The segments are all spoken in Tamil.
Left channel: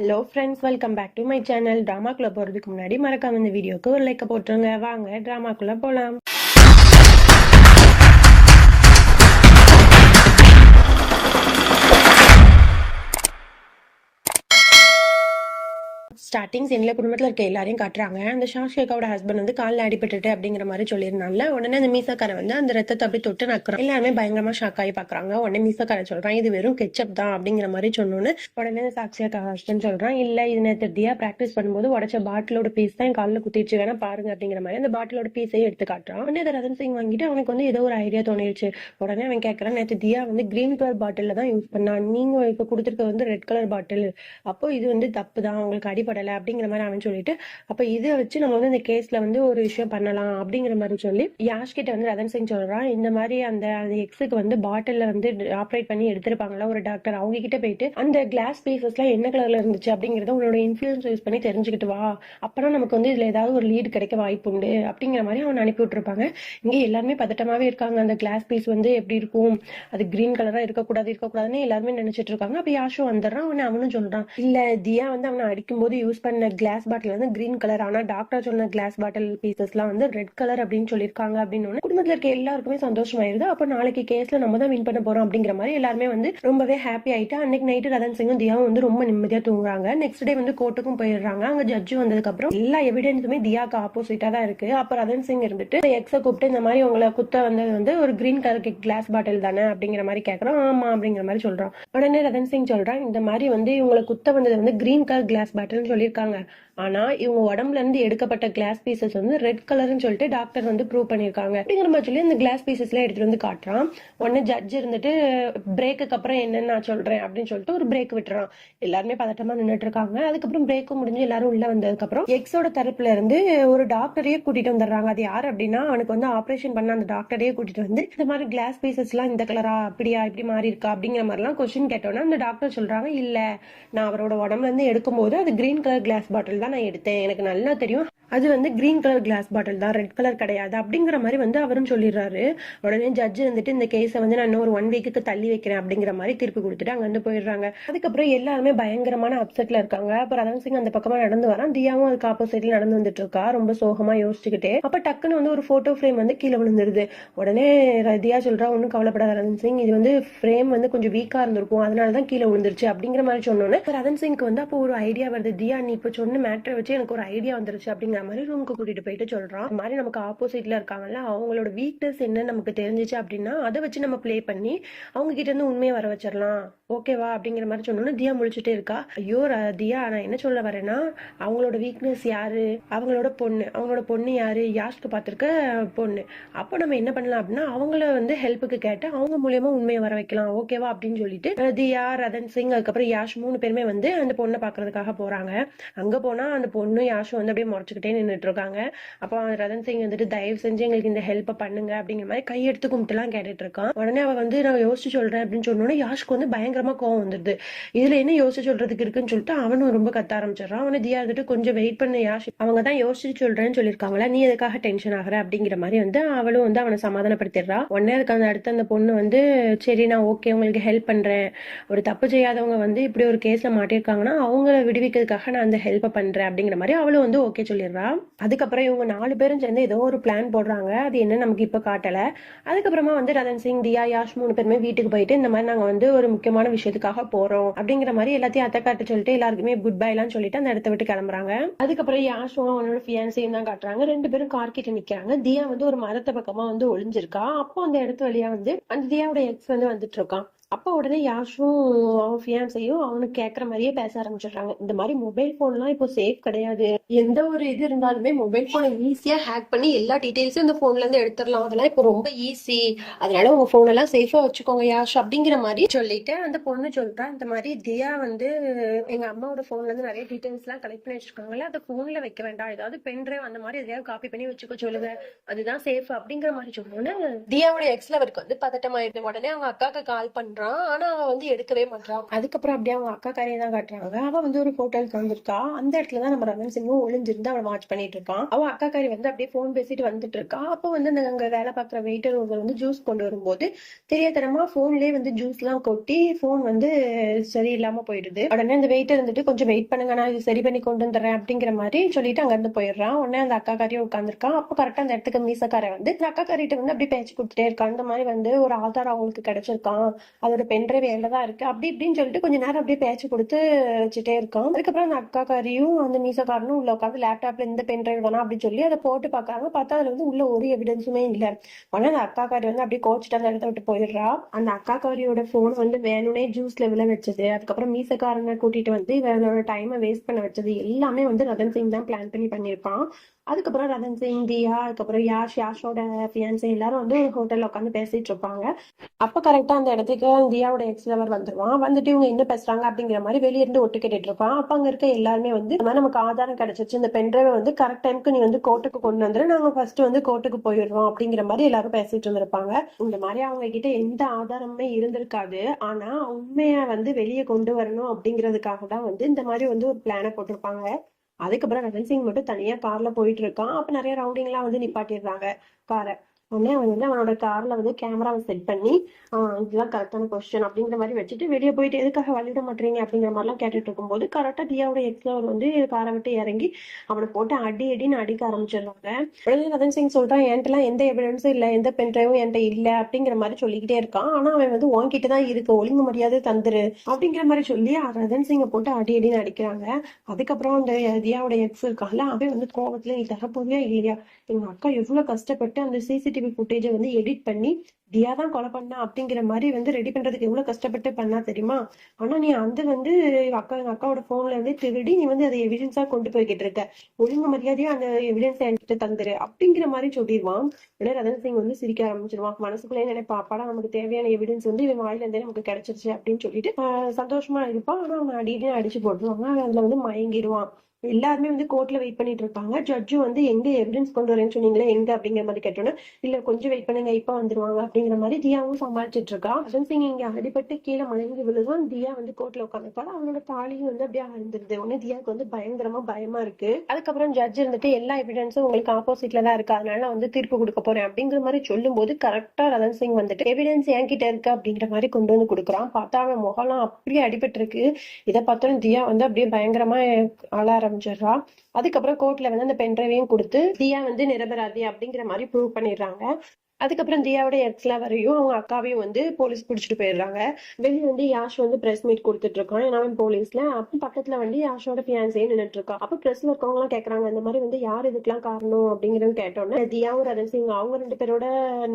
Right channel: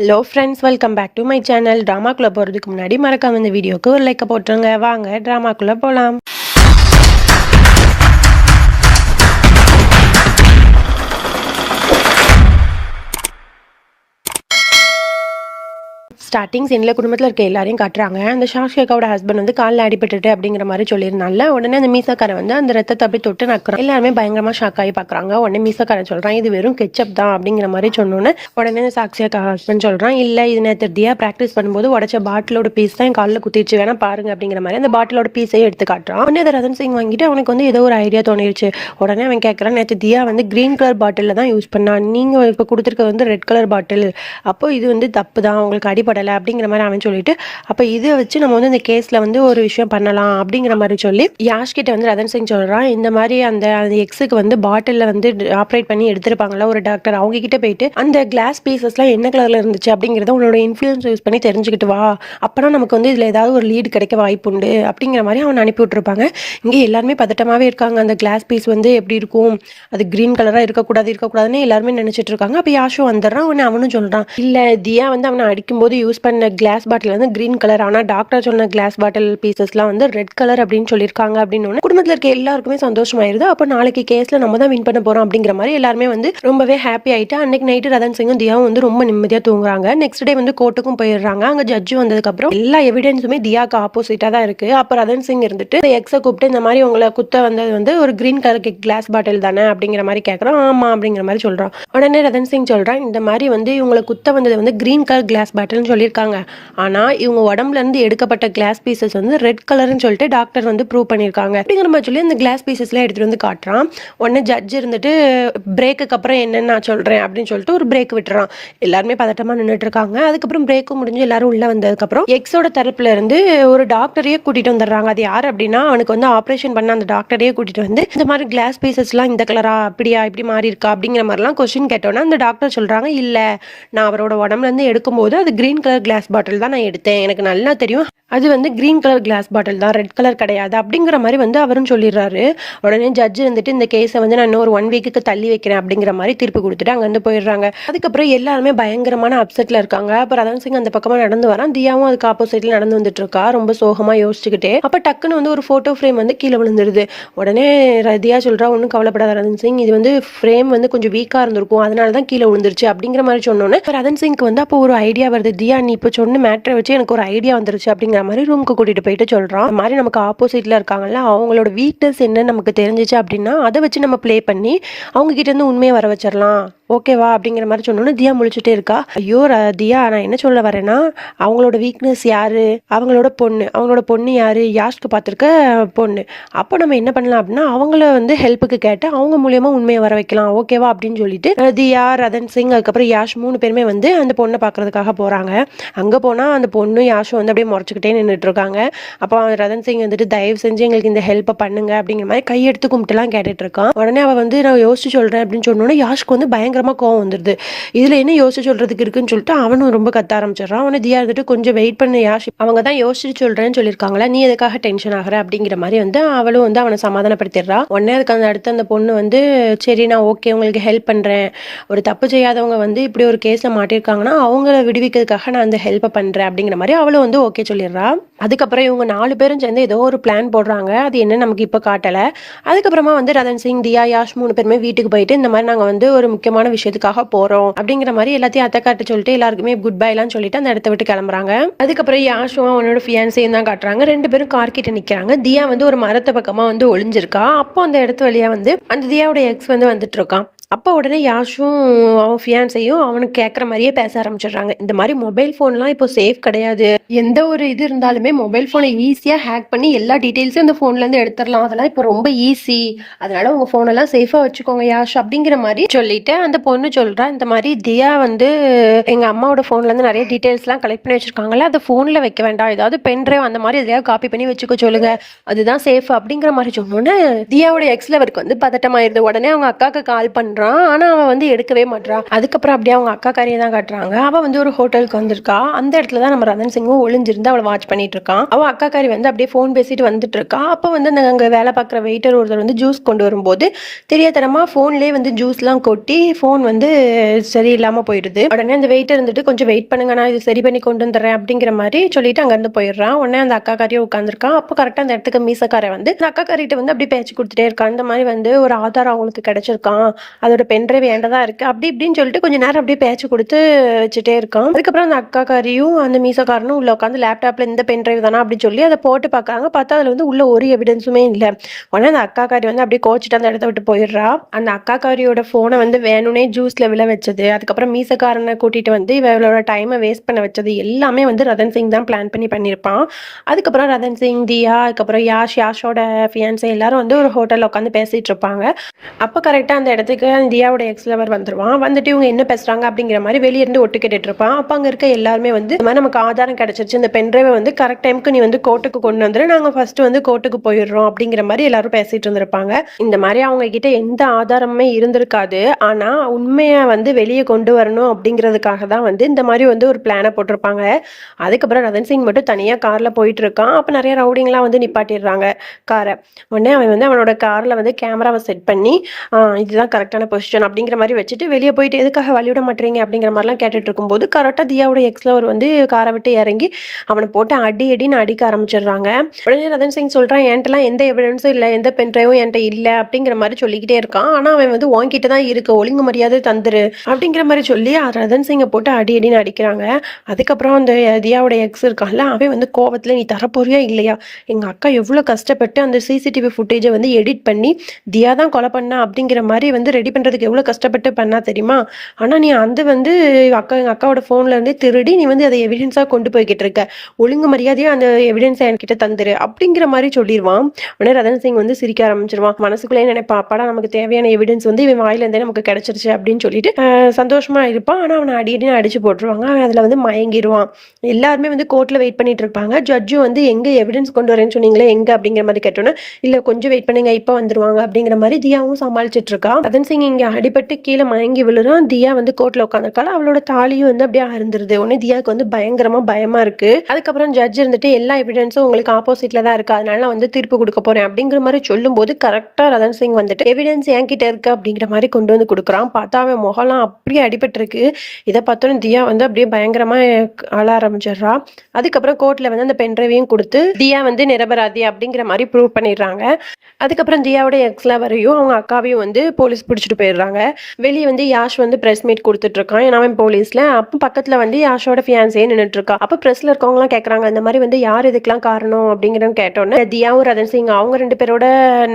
Hello friends, welcome back to my channel. ட்ராமாக்குள்ளே போகிறதுக்கு முன்னாடி மறக்காம இந்த வீடியோக்கு ஒரு லைக்கை போட்டுருங்க. வாங்க ட்ராமாக்குள்ளே போகலாம். ஸ்டார்டிங் சீனில் குடும்பத்தில் இருக்க எல்லாரையும் காட்டுறாங்க. அந்த ஷாஷிகாவோட ஹஸ்பண்ட் வந்து காலில் அடிபட்டுட்டு அப்படிங்கிற மாதிரி சொல்லியிருந்தால உடனே அந்த மீசக்காரன் வந்து அந்த ரத்தத்தை அப்படி தொட்டு நக்குறான். எல்லாருமே பயங்கரமாக ஷாக் ஆகி பார்க்குறாங்க. உடனே மீசக்காரன் சொல்கிறான், இது வெறும் கெச்சப் தான் அப்படிங்கிற மாதிரி சொன்னோன்னே உடனே சாக்ஷியா ஹஸ்பண்ட் சொல்கிறான், இல்லை இது நேற்று தியா ப்ராக்டிஸ் பண்ணும்போது உடச்ச பாட்டிலோட பீஸ் தான் என் காலில் குத்திடுச்சு, வேணா பாருங்க அப்படிங்கிற மாதிரி அந்த பாட்டிலோட பீஸையே எடுத்து காட்டுறான். உடனே அதை ரதன் சிங் வாங்கிட்டு அவனுக்கு வந்து ஏதோ ஒரு ஐடியா தோணிடுச்சு. உடனே அவன் கேட்குறான், நேற்று தியா வந்து கிரீன் கலர் பாட்டிலில் தான் யூஸ் பண்ணான், நீங்கள் இப்போ கொடுத்துருக்க வந்து ரெட் கலர் பாட்டில், அப்போ இது வந்து தப்பு தான், உங்களுக்கு அடிப்படலை அப்படிங்கிற மாதிரி அவன் சொல்லிட்டு, அப்போ இதை வச்சு நம்ம வந்து இந்த கேஸில் வந்து ஒரு விஷயம் பண்ணலாம் அப்படிங்கிற மாதிரி சொல்லி யாஷ் கிட்ட வந்து ரதன் சிங் சொல்கிறான், இந்த மாதிரி அந்த எக்ஸுக்கு வந்து பாட்டிலில் வந்து ஆப்ரேட் பண்ணி எடுத்திருப்பாங்களா ஒரு டாக்டர், அவங்க கிட்ட போயிட்டு அந்த கிளாஸ் பீசஸ்லாம் என்ன கலரில் இருந்துச்சு அப்படிங்கிறத உன்னோட இன்ஃப்ளூயன்ஸ் யூஸ் பண்ணி தெரிஞ்சுக்கிட்டு வா, அப்போனா நமக்கு வந்து இதில் ஏதாவது ஒரு லீடு கிடைக்க வாய்ப்பு உண்டு அப்படிங்கிற மாதிரி அவன் அனுப்பி விட்டுருப்பாங்க. இங்கே எல்லாருமே பதட்டமாகவே இருக்காங்க. அந்த கிளாஸ் பீஸ் வந்து எப்படி இருக்கும், அது கிரீன் கலராக இருக்கக்கூடாதுன்னு எல்லாருமே நினச்சிட்டு இருக்காங்க. அப்போ யாஷும் வந்துடுறான். அவனும் சொல்கிறான், இல்லை தியா வந்து அவனை அடிக்கும்போது யூஸ் பண்ண கிளாஸ் பாட்டில் வந்து கிரீன் கலர், ஆனால் டாக்டர் சொன்ன கிளாஸ் பாட்டில் பீசஸ்லாம் வந்து ரெட் கலர் அப்படின்னு சொல்லியிருக்காங்க அப்படின்னு குடும்பத்தில் இருக்க எல்லாருக்குமே சந்தோஷமாயிருது. அப்போ நாளைக்கு கேஸில் நம்ம தான் வின் பண்ண போகிறோம் அப்படிங்கிற மாதிரி எல்லாருமே வந்து ரொம்பவே ஹாப்பி ஆகிட்டு அன்னைக்கு நைட்டு ரதன் சிங்கும் தியாவும் வந்து ரொம்ப நிம்மதியாக தூங்குறாங்க. நெக்ஸ்ட் டே வந்து கோர்ட்டுக்கும் போயிடுறாங்க. அங்கே ஜட்ஜு வந்ததுக்கப்புறம் எல்லா எவிடன்ஸுமே தியாவுக்கு ஆப்போசிட்டாக தான் இருக்குது. அப்போ ரதன் சிங் இருந்துட்டு எக்ஸை கூப்பிட்டு இந்த மாதிரி உங்களை குத்த வந்தது வந்து ஒரு கிரீன் கலர் கிளாஸ் பாட்டில் தானே அப்படிங்கிற மாதிரி கேட்குறோம். ஆமாம் அப்படிங்கிற மாதிரி சொல்கிறான். உடனே ரதன் சிங் சொல்கிறான், இந்த மாதிரி வந்து இவங்களை குத்த வந்தது வந்து கிரீன் கலர் கிளாஸ் பாட்டில்னு சொல்லியிருக்காங்க, ஆனால் இவங்க உடம்புல இருந்து எடுக்கப்பட்ட கிளாஸ் பீசஸ் வந்து ரெட் கலர்னு சொல்லிட்டு டாக்டர் வந்து ப்ரூவ் பண்ணியிருக்காங்க அப்படிங்கிற மாதிரி சொல்லி அந்த கிளாஸ் பீசஸ்லாம் எடுத்துகிட்டு வந்து காட்டுறான். உடனே ஜட்ஜ் இருந்துட்டு பிரேக்குக்கு அப்புறம் என்னென்னு நான் சொல்கிறேன் அப்படின்னு சொல்லிட்டு ஒரு பிரேக் விட்டுறான். எல்லாருமே பதட்டமாக நின்றுட்டு இருக்காங்க. அதுக்கப்புறம் பிரேக்கும் முடிஞ்சு எல்லாரும் உள்ளே வந்ததுக்கப்புறம் எக்ஸோட தரப்புல இருந்து ஒரு டாக்டரையே கூட்டிகிட்டு வந்துடுறாங்க. அது யார் அப்படின்னா, அவனுக்கு வந்து ஆப்ரேஷன் பண்ண அந்த டாக்டரையே கூட்டிகிட்டு வந்து இந்த மாதிரி கிளாஸ் பீசஸ்லாம் இந்த கலரா அப்படியா இப்படி மாறி இருக்கா அப்படிங்கிற மாதிரிலாம் கொஸ்டின் கேட்டோன்னா அந்த டாக்டர் சொல்கிறாங்க, இல்லை நான் அவரோட உடம்புலேருந்து எடுக்கும்போது அது கிரீன் கலர் கிளாஸ் பாட்டில் தான் நான் எடுத்தேன், எனக்கு நல்லா தெரியும் அது வந்து கிரீன் கலர் கிளாஸ் பாட்டில் தான், ரெட் கலர் கிடையாது அப்படிங்கிற மாதிரி வந்து அவரும் சொல்லிடுறாரு. உடனே ஜட்ஜு வந்துட்டு இந்த கேஸை வந்து நான் இன்னும் ஒரு 1 வீக்குக்கு தள்ளி வைக்கிறேன் அப்படிங்கிற மாதிரி தீர்ப்பு கொடுத்துட்டு அங்கேருந்து போயிடுறாங்க. அதுக்கப்புறம் எல்லாருமே பயங்கரமான அப்செட்டில் இருக்காங்க. அப்புறம் ரதன் சிங் அந்த பக்கமாக நடந்து வரான். தியாவும் அதுக்கு ஆப்போசிட்டில் நடந்து வந்துட்டு இருக்கா, ரொம்ப சோகமாக யோசிச்சுக்கிட்டே. அப்போ டக்குன்னு வந்து ஒரு ஃபோட்டோ ஃப்ரேம் வந்து கீழே விழுந்துருது. உடனே தியா சொல்கிறா, ஒன்றும் கவலைப்படாத ரதன் சிங், இது வந்து ஃப்ரேம் வந்து கொஞ்சம் வீக்காக இருந்திருக்கும், அதனால தான் கீழே விழுந்துருச்சு அப்படிங்கிற மாதிரி சொன்னோன்னே ரதன் சிங்க்கு வந்து அப்போ ஒரு ஐடியா வருது. தியா நீ இப்போ சொன்ன மேட்டரை வச்சு எனக்கு ஒரு ஐடியா வந்துருச்சு அப்படிங்கிற மாதிரி ரூமுக்கு கூட்டிட்டு போயிட்டு சொல்றான். இந்த மாதிரி நமக்கு ஆப்போசிட்ல இருக்காங்கல்ல, அவங்களோட வீக்னஸ் என்னன்னு நமக்கு தெரிஞ்சிச்சு அப்படின்னா அதை வச்சு நம்ம ப்ளே பண்ணி அவங்க கிட்ட இருந்து உண்மையை வர வச்சிடலாம், ஓகேவா அப்படிங்கிற மாதிரி சொன்னோன்னு தியா முழிச்சுட்டே இருக்கா. ஐயோ தியா, நான் என்ன சொல்ல வரேன்னா, அவங்களோட வீக்னஸ் யாரு, அவங்களோட பொண்ணு யாரு, யாஷ்க்கு பார்த்துருக்க பொண்ணு. அப்போ நம்ம என்ன பண்ணலாம் அப்படின்னா, அவங்கள வந்து ஹெல்ப்புக்கு கேட்டு அவங்க மூலியமா உண்மையை வர வைக்கலாம், ஓகேவா அப்படின்னு சொல்லிட்டு தியா, ரதன் சிங், அதுக்கப்புறம் யாஷ் 3 பேருமே வந்து அந்த பொண்ணை பார்க்கறதுக்காக போறாங்க. அங்க போனா அந்த பொண்ணு யாஷும் வந்து அப்படியே முறைச்சுக்கிட்டே நின்றுட்டு இருக்காங்க. அப்போ ரதன் சிங் வந்துட்டு தயவு செஞ்சு எங்களுக்கு இந்த ஹெல்ப்பை பண்ணுங்க அப்படிங்கிற மாதிரி கையெடுத்து கும்பிட்டுலாம் கேட்டுட்டு இருக்கான். உடனே அவ வந்து நான் யோசிச்சு சொல்றேன் அப்படின்னு சொன்னோன்னா யாஷ்க்கு வந்து பயங்கரமா கோவம் வந்துடுது. இதுல என்ன யோசிச்சு சொல்றதுக்கு இருக்குன்னு சொல்லிட்டு அவனும் ரொம்ப கத்த ஆரம்பிச்சிடறான். அவனை தியா இருந்துட்டு கொஞ்சம் வெயிட் பண்ண யாஷ், அவங்க தான் யோசிச்சு சொல்றேன்னு சொல்லியிருக்காங்களா, நீ எதுக்காக டென்ஷன் ஆகிற அப்படிங்கிற மாதிரி வந்து அவளும் வந்து அவனை சமாதானப்படுத்திடுறா. உடனே அதுக்கு அந்த அடுத்து அந்த பொண்ணு வந்து சரி நான் ஓகே உங்களுக்கு ஹெல்ப் பண்றேன், ஒரு தப்பு செய்யாதவங்க வந்து இப்படி ஒரு கேஸ்ல மாட்டிருக்காங்கன்னா அவங்கள விடுவிக்கிறதுக்காக நான் அந்த ஹெல்ப்பை பண்றேன் அப்படிங்கிற மாதிரி அவளும் வந்து ஓகே சொல்லிடுறா. அதுக்கப்புறம் இவங்க 4 பேரும் சேர்ந்து ஏதோ ஒரு பிளான் போடுறாங்க. அது என்ன நமக்கு இப்போ காட்டலை. அதுக்கப்புறமா வந்து ரதன் சிங், தியா, யாஷ் 3 பேருமே வீட்டுக்கு போயிட்டு இந்த மாதிரி நாங்கள் வந்து ஒரு முக்கியமான விஷயத்துக்காக போகிறோம் அப்படிங்கிற மாதிரி எல்லாத்தையும் அத்தை காட்டு சொல்லிட்டு எல்லாருக்குமே குட் பைலாம் சொல்லிட்டு அந்த இடத்த விட்டு கிளம்புறாங்க. அதுக்கப்புறம் யாஷும் அவனோட ஃபியான்ஸையும் தான் காட்டுறாங்க. 2 பேரும் கார் கிட்ட நிற்கிறாங்க. தியா வந்து ஒரு மரத்தை பக்கமாக வந்து ஒளிஞ்சிருக்கா. அப்போ அந்த இடத்து வழியாக வந்து அந்த தியாவோட எக்ஸ் வந்து வந்துட்டு இருக்கான். அப்போ உடனே யாஷும் அவன் ஃபியான்ஸையும் அவனுக்கு கேட்குற மாதிரியே பேச ஆரம்பிச்சிடுறாங்க. இந்த மாதிரி மொபைல் ஃபோன்லாம் இப்போ சேஃப் கிடையாது, எந்த ஒரு இது இருந்தாலுமே மொபைல் ஃபோனை ஈஸியாக ஹேக் பண்ணி எல்லா டீட்டெயில்ஸும் இந்த ஃபோன்லேருந்து எடுத்துடலாம், அதெல்லாம் இப்போ ரொம்ப ஈஸி, அதனால உங்கள் ஃபோனெல்லாம் சேஃபாக வச்சுக்கோங்க யாஷ் அப்படிங்கிற மாதிரி சொல்லிட்டு அந்த பொண்ணு சொல்கிறா, இந்த மாதிரி தியா வந்து எங்கள் அம்மாவோட ஃபோன்லேருந்து நிறைய டீட்டெயில்ஸ்லாம் கலெக்ட் பண்ணி வச்சுருக்காங்களே, அதை ஃபோனில் வைக்க வேண்டாம், ஏதாவது பென்ட்ரைவ் அந்த மாதிரி எதையாவது காப்பி பண்ணி வச்சுக்க சொல்லுங்க, அதுதான் சேஃப் அப்படிங்கிற மாதிரி சொன்னோன்னே தியாவோட எக்ஸ் லவருக்கு வந்து பதட்டமாயிருது. உடனே அவங்க அக்காவுக்கு கால் பண்ணுற பண்றான். ஆனா அவன் வந்து எடுக்கவே மாட்றான். அதுக்கப்புறம் அப்படியே அவங்க அக்காக்காரியை தான் காட்டுறாங்க. அவ வந்து ஒரு ஹோட்டலுக்கு வந்திருக்கா. அந்த இடத்துல தான் நம்ம ரதன் சிங்கும் ஒளிஞ்சிருந்து அவளை வாட்ச் பண்ணிட்டு இருக்கான். அவ அக்காக்காரி வந்து அப்படியே ஃபோன் பேசிட்டு வந்துட்டு இருக்கா. அப்போ வந்து அங்க வேலை பார்க்குற வெயிட்டர் ஒருத்தர் வந்து ஜூஸ் கொண்டு வரும்போது தெரியாதனமா ஃபோன்லேயே வந்து ஜூஸ்லாம் கொட்டி ஃபோன் வந்து சரியில்லாம போயிடுது. உடனே அந்த வெயிட்டர் இருந்துட்டு கொஞ்சம் வெயிட் பண்ணுங்க, நான் இது சரி பண்ணி கொண்டு வந்துடுறேன் அப்படிங்கிற மாதிரி சொல்லிட்டு அங்கேருந்து போயிடுறான். உடனே அந்த அக்காக்காரியும் உட்காந்துருக்கான். அப்போ கரெக்டாக அந்த இடத்துக்கு மீசக்காரை வந்து அந்த அக்காக்காரிட்ட வந்து அப்படியே பேச்சு கொடுத்துட்டே இருக்கான். இந்த மாதிரி வந்து ஒரு ஆதாரம் அவங்களுக்கு கிடைச்சிருக்கான், அதோட பென்ட்ரைவ் வேண்டதா இருக்கு அப்படி இப்படின்னு சொல்லிட்டு கொஞ்ச நேரம் அப்படியே பேச்சு கொடுத்து வச்சுட்டே இருக்கான். அதுக்கப்புறம் அந்த அக்காக்காரியும் அந்த மீசக்காரனும் உள்ள உட்காந்து லேப்டாப்ல இந்த பென்ட்ரைவ் தானா அப்படின்னு சொல்லி அதை போட்டு பார்க்காங்க. பார்த்தா அதுல வந்து உள்ள ஒரு எவிடன்ஸுமே இல்லை. உடனே அந்த அக்காக்காரி வந்து அப்படியே கோச்சிட்டு அந்த இடத்த விட்டு போயிடுறா. அந்த அக்காக்காரியோட போனை வந்து வேணும்னே ஜூஸ்ல விழ வச்சது, அதுக்கப்புறம் மீசக்காரனை கூட்டிட்டு வந்து இவளோட டைமை வேஸ்ட் பண்ண வச்சது எல்லாமே வந்து ரதன் சிங் தான் பிளான் பண்ணி பண்ணியிருப்பான். அதுக்கப்புறம் ரதன் சிங், தியா, அதுக்கப்புறம் யாஷோட ஃபியான்ஸே எல்லாரும் வந்து ஒரு ஹோட்டல்ல உட்காந்து பேசிட்டு இருப்பாங்க. அப்போ கரெக்டா அந்த இடத்துக்கு தியாவோட எக்ஸ் லவர் வந்துருவான். வந்துட்டு இவங்க என்ன பேசுறாங்க அப்படிங்கிற மாதிரி வெளியே இருந்து ஒட்டு கேட்டுட்டு இருப்பான். அப்ப அங்க இருக்க எல்லாருமே வந்து இந்த மாதிரி நமக்கு ஆதாரம் கிடைச்சிருச்சு, இந்த பென்ட்ரைவை வந்து கரெக்ட் டைமுக்கு நீ வந்து கோர்ட்டுக்கு கொண்டு வந்துரு, நாங்க ஃபர்ஸ்ட் வந்து கோர்ட்டுக்கு போயிடுறோம் அப்படிங்கிற மாதிரி எல்லாரும் பேசிட்டு இருந்திருப்பாங்க. இந்த மாதிரி அவங்க கிட்ட எந்த ஆதாரமுமே இருந்திருக்காது. ஆனா உண்மையை வந்து வெளியே கொண்டு வரணும் அப்படிங்கிறதுக்காக தான் வந்து இந்த மாதிரி வந்து ஒரு பிளானை போட்டிருப்பாங்க. அதுக்கப்புறம் ரதன் சிங் மட்டும் தனியா கார்ல போயிட்டு இருக்கான். அப்ப நிறைய ரவுடிங்லாம் வந்து நிப்பாட்டிடுறாங்க காரை. உடனே அவன் வந்து அவனோட கார்ல வந்து கேமராவை செட் பண்ணி இதுதான் கரெக்டான பொசிஷன் அப்படிங்கிற மாதிரி வச்சுட்டு வெளியே போயிட்டு எதுக்காக வழிவிட மாட்டீங்க அப்படிங்கிற மாதிரிலாம் கேட்டுட்டு இருக்கும்போது கரெக்டாக தியாவோட எக்ஸ்லவர் வந்து காரை விட்டு இறங்கி அவனை போட்டு அடின்னு அடிக்க ஆரம்பிச்சிடுறாங்க. உடனே ரதன் சிங் சொல்றான், என்கிட்டலாம் எந்த எவிடன்ஸும் இல்லை, எந்த பென்ட்ரைவும் என்கிட்ட இல்லை அப்படிங்கிற மாதிரி சொல்லிக்கிட்டே இருக்கான். ஆனா அவன் வந்து உன்கிட்ட தான் இருக்கு, ஒழுங்கு மரியாதை தந்துரு அப்படிங்கிற மாதிரி சொல்லி ரதன் சிங்கை போட்டு அடின்னு அடிக்கிறாங்க. அதுக்கப்புறம் அந்த தியாவோட எக்ஸ் இருக்கான்ல, அவன் வந்து கோவத்துல நீ தரப்போறியா இல்லையா, எங்க அக்கா எவ்வளவு கஷ்டப்பட்டு அந்த சிசிடிவி ஃபுட்டேஜை வந்து எடிட் பண்ணி தியா தான் கொலை பண்ணா அப்படிங்கிற மாதிரி வந்து ரெடி பண்றதுக்கு எவ்வளவு கஷ்டப்பட்டு பண்ணா தெரியுமா, ஆனா நீ அந்த வந்து எங்க அக்காவோட போன்ல இருந்தே திருடி நீ வந்து அதை எவிடன்ஸா கொண்டு போய்கிட்டு இருக்க, ஒழுங்கு மரியாதையா அந்த எவிடன்ஸை என்கிட்ட தந்துரு அப்படிங்கிற மாதிரி சொல்லிடுவான். உடனே ரதன் சிங் வந்து சிரிக்க ஆரம்பிச்சிருவான். மனசுக்குள்ளே நினைப்பா, அப்பாடா நமக்கு தேவையான எவிடன்ஸ் வந்து இவன் வாயில இருந்தே நமக்கு கிடைச்சிருச்சு அப்படின்னு சொல்லிட்டு சந்தோஷமா இருப்பான். ஆனா அவனை அடின்னு அடிச்சு போட்டுருவாங்க. அவன் அதுல வந்து மயங்கிடுவான். எல்லாருமே வந்து கோர்ட்ல வெயிட் பண்ணிட்டு இருப்பாங்க. ஜட்ஜும் வந்து எங்க எவிடன்ஸ் கொண்டு வரேன்னு சொன்னீங்களே எங்க அப்படிங்கிற மாதிரி கேட்டோன்னா, இல்ல கொஞ்சம் வெயிட் பண்ணுங்க இப்ப வந்துருவாங்க அப்படிங்கிற மாதிரி தியாவும் சமாளிச்சிட்டு இருக்கா. ரதன் சிங் இங்க அடிபட்டு கீழே மயங்கி விழுறான். தியா வந்து கோர்ட்ல உட்காந்துருக்காள். அவளோட தாலியும் வந்து அப்படியே அருந்துருது. உடனே தியாவுக்கு வந்து பயங்கரமா பயமா இருக்கு. அதுக்கப்புறம் ஜட்ஜ் இருந்துட்டு எல்லா எவிடன்ஸும் உங்களுக்கு ஆப்போசிட்ல தான் இருக்கு, அதனால நான் வந்து தீர்ப்பு கொடுக்க போறேன் அப்படிங்கிற மாதிரி சொல்லும் போது கரெக்டா ரதன் சிங் வந்துட்டு எவிடன்ஸ் என்கிட்ட இருக்கு அப்படிங்கிற மாதிரி கொண்டு வந்து கொடுக்குறான். பார்த்தா அவன் முகலாம் அப்படியே அடிபட்டு இருக்கு. இதை பார்த்தோன்னு தியா வந்து அப்படியே பயங்கரமா அழ ஆரம்பிச்சிடுறா. அதுக்கப்புறம் கோர்ட்ல வந்து அந்த பென்ட்ரைவையும் கொடுத்து தியா வந்து நிரபராதி அப்படிங்கிற மாதிரி ப்ரூவ் பண்ணிடுறாங்க. அதுக்கப்புறம் தியாவோட எக்ஸ்லவரையும் அவங்க அக்காவையும் வந்து போலீஸ் பிடிச்சிட்டு போயிடுறாங்க. வெளியே வந்து யாஷ் வந்து பிரஸ் மீட் கொடுத்துட்டு இருக்கான். ஏன்னா அவன் போலீஸ்ல. அப்போ பக்கத்துல வந்து யாஷோட ஃபியான்ஸே நின்றுட்டு இருக்கா. அப்போ பிரஸ்ல இருக்கவங்க எல்லாம் கேட்கறாங்க, இந்த மாதிரி வந்து யார் இதுக்கெல்லாம் காரணம் அப்படிங்கிறத கேட்டோன்னே தியாவும் ரதன் சிங் அவங்க 2 பேரோட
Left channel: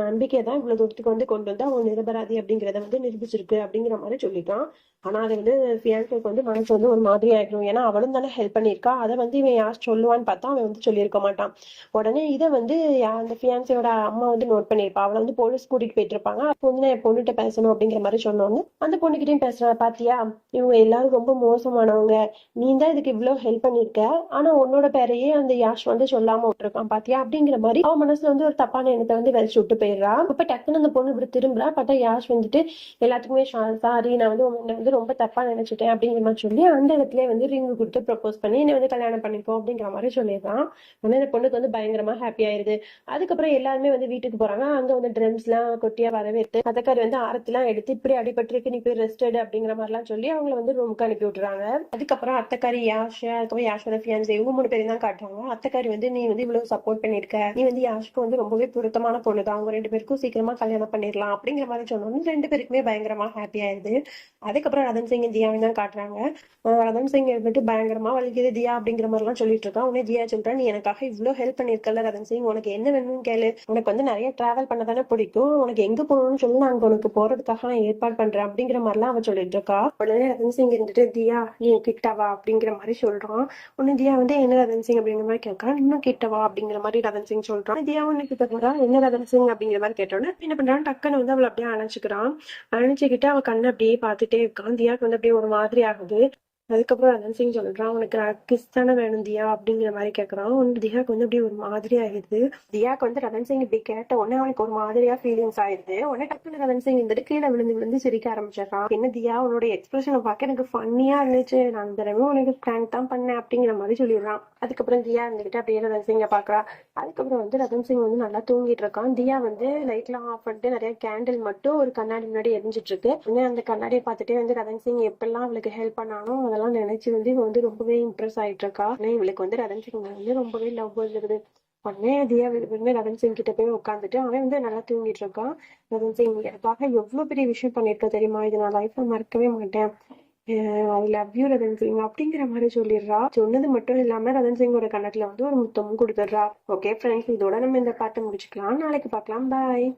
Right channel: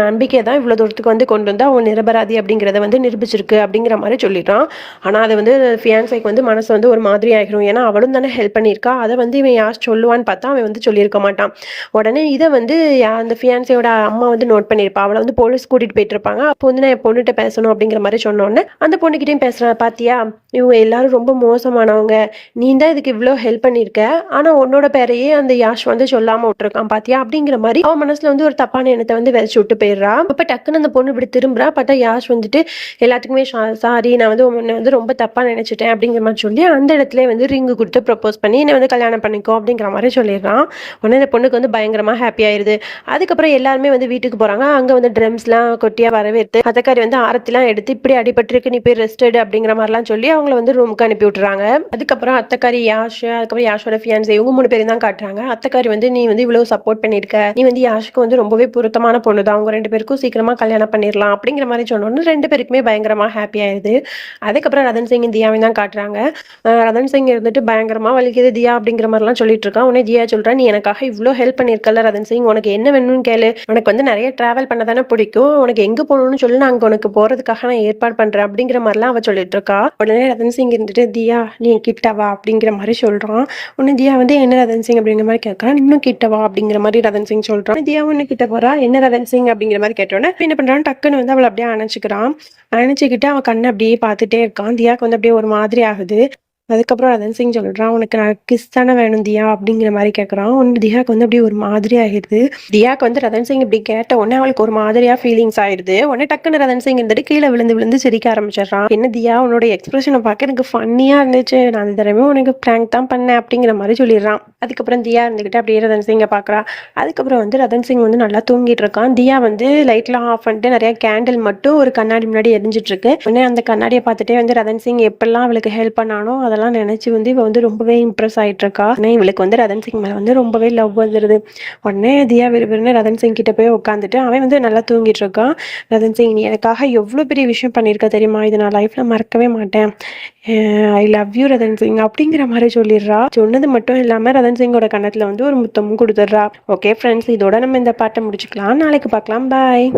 நம்பிக்கை தான் இவ்வளவு தூரத்துக்கு வந்து கொண்டு வந்து அவங்க நிரபராதி அப்படிங்கிறத வந்து நிரூபிச்சிருக்கு அப்படிங்கிற மாதிரி சொல்லிடுறான். ஆனா அது வந்து ஃபியான்ஸைக்கு வந்து மனசு வந்து ஒரு மாதிரி ஆகிரும். ஏன்னா அவளும் தானே ஹெல்ப் பண்ணியிருக்கா, அதை வந்து இவன் யாஷ் சொல்லுவான்னு பார்த்தா அவன் வந்து சொல்லியிருக்க மாட்டான். உடனே இதை வந்து அந்த ஃபியான்ஸையோட அம்மா வந்து நோட் பண்ணியிருப்பா. அவளை வந்து போலீஸ் கூட்டிட்டு போயிட்டு இருப்பாங்க. அப்போ வந்து நான் என் பொண்ணுகிட்ட பேசணும் அப்படிங்கிற மாதிரி சொன்னோன்னே அந்த பொண்ணுகிட்டையும் பேசுறேன், பாத்தியா இவங்க எல்லாரும் ரொம்ப மோசமானவங்க, நீ தான் இதுக்கு இவ்வளோ ஹெல்ப் பண்ணியிருக்க, ஆனா உன்னோட பேரையே அந்த யாஷ் வந்து சொல்லாம விட்டுருக்கான் பாத்தியா அப்படிங்கிற மாதிரி அவன் மனசுல வந்து ஒரு தப்பான எண்ணத்தை வந்து விதைச்சு விட்டு போயிடுறா. அப்ப டக்குன்னு அந்த பொண்ணு இப்படி திரும்புறா. பார்த்தா யாஷ் வந்துட்டு எல்லாத்துக்குமே சாரி, நான் வந்து உன்னை வந்து ரொம்ப தப்பா நினைச்சிட்டேன் அப்படிங்கிற மாதிரி சொல்லி அந்த இடத்துல வந்து ரிங்கு கொடுத்து ப்ரப்போஸ் பண்ணி என்னை வந்து கல்யாணம் பண்ணிக்கோ அப்படிங்கிற மாதிரி சொல்லிடுறான். உடனே அந்த பொண்ணுக்கு வந்து பயங்கரமா ஹாப்பி ஆயிருது. அதுக்கப்புறம் எல்லாருமே வந்து வீட்டுக்கு போறாங்க. அங்க வந்து ட்ரம்ஸ்லாம் கொட்டியா வரவேற்று அத்தக்காரி வந்து ஆரத்திலாம் எடுத்து இப்படி அடிபட்டிருக்கு, நீ போய் ரெஸ்ட் எடு அப்படிங்கிற மாதிரிலாம் சொல்லி அவங்கள வந்து ரூமுக்கு அனுப்பி விட்டுறாங்க. அதுக்கப்புறம் அத்தக்காரி யாஷ், அதுக்கப்புறம் யாஷோட ஃபியான்ஸே இவங்க 3 பேரும் தான் காட்டுறாங்க. அத்தக்காரி வந்து நீ வந்து இவ்வளவு சப்போர்ட் பண்ணிருக்க, நீ வந்து யாஷுக்கு வந்து ரொம்பவே பொருத்தமான பொண்ணு தான், அவங்க 2 பேருக்கும் சீக்கிரமா கல்யாணம் பண்ணிடலாம் அப்படிங்கிற மாதிரி சொன்னோன்னு 2 பேருக்குமே பயங்கரமா ஹாப்பி ஆயிடுது. அதுக்கப்புறம் ரதன் சிங் தியாவையும் தான் காட்டுறாங்க. ரதன் சிங் இருந்துட்டு பயங்கரமா வலிக்குது தியா அப்படிங்கிற மாதிரிலாம் சொல்லிட்டு இருக்கான். உடனே தியா சொல்றா, நீ எனக்காக இவ்வளோ ஹெல்ப் பண்ணிருக்கல ரதன் சிங், உனக்கு என்ன வேணும்னு கேளு, உனக்கு வந்து நிறைய டிராவல் பண்ண தானே பிடிக்கும், உனக்கு எங்க போகணும்னு சொல்லி நான் அங்க உனக்கு போறதுக்காக நான் ஏற்பாடு பண்றேன் அப்படிங்கிற மாதிரிலாம் அவ சொல்லிட்டு இருக்கா. உடனே ரதன் சிங் இருந்துட்டு தியா நீ கிட்டவா அப்படிங்கிற மாதிரி சொல்றான். உடனே தியா வந்து என்ன ரதன் சிங் அப்படிங்கிற மாதிரி கேட்கறான். இன்னும் கிட்டவா அப்படிங்கிற மாதிரி ரதன் சிங் சொல்றான். தியா ஒண்ணு கிட்ட போறா, என்ன ரதன் சிங் அப்படிங்கிற மாதிரி கேட்டோன்னே என்ன பண்றான், டக்குன்னு வந்து அவளை அப்படியே அணைச்சிக்கிறான். அணைச்சிக்கிட்டு அவன் கண்ணை அப்படியே பார்த்துட்டே இருக்கான். தியாவுக்கு வந்து அப்படியே ஒரு மாதிரி ஆகுது. அதுக்கப்புறம் ரதன் சிங் சொல்றான், "உனக்கு நான் கிஸ் தானே வேணும் தியா?" அப்படிங்கிற மாரி கேட்குறான். உடனே தியாக்கு வந்து அப்படியே ஒரு மாதிரி ஆயிடுது. தியாக்கு வந்து ரதன் சிங் இப்படி கேட்ட உடனே அவளுக்கு ஒரு மாதிரியா ஃபீலிங்ஸ் ஆயிடுது. உடனே டக்குன்னு ரதன் சிங் இருந்துட்டு கீழ விழுந்து விழுந்து சிரிக்க ஆரம்பிச்சிடுறான். "என்ன தியா, உன்னோட எக்ஸ்பிரஷன பார்க்க எனக்கு ஃபன்னியா இருந்துச்சு. நான் அந்த தடவை உனக்கு பிராங்க் தான் பண்ணேன்." அப்படிங்கிற மாரி சொல்லிடுறான். அதுக்கப்புறம் தியா இருந்துகிட்டு அப்படியே ரதன் சிங்க பார்க்குறா. அதுக்கப்புறம் வந்து ரதன் சிங் வந்து நல்லா தூங்கிட்டு இருக்கான். தியா வந்து லைட்லாம் ஆஃப் பண்ணிட்டு நிறைய கேண்டில் மட்டும் ஒரு கண்ணாடி முன்னாடி எரிஞ்சிட்டு இருக்கு. உடனே அந்த கண்ணாடியை பார்த்துட்டே வந்து ரதன் சிங் எப்பெல்லாம் அவளுக்கு ஹெல்ப் பண்ணானோ அதெல்லாம் நினைச்சு வந்து இவ வந்து ரொம்பவே இம்ப்ரெஸ் ஆயிட்டு இருக்கா. ஆனா இவளுக்கு வந்து ரதன் சிங் மேல வந்து ரொம்பவே லவ் வந்துருது. உடனே தியா விறுவிறுன்னு ரதன் சிங் கிட்ட போய் உட்காந்துட்டு அவன் வந்து நல்லா தூங்கிட்டு இருக்கான். ரதன் சிங், "நீ எனக்காக எவ்வளோ பெரிய விஷயம் பண்ணியிருக்க தெரியுமா? இதை நான் லைஃப்ல மறக்கவே மாட்டேன். I love you Rathan Singh" அப்படிங்கிற மாதிரி சொல்லிடுறா. சொன்னது மட்டும் இல்லாம ரதன் சிங்கோட கன்னத்துல வந்து ஒரு முத்தமும் கொடுத்துட்றா. ஓகே ஃப்ரெண்ட்ஸ், இதோட நம்ம இந்த பாட்டை முடிச்சுக்கலாம். நாளைக்கு பார்க்கலாம். பாய்.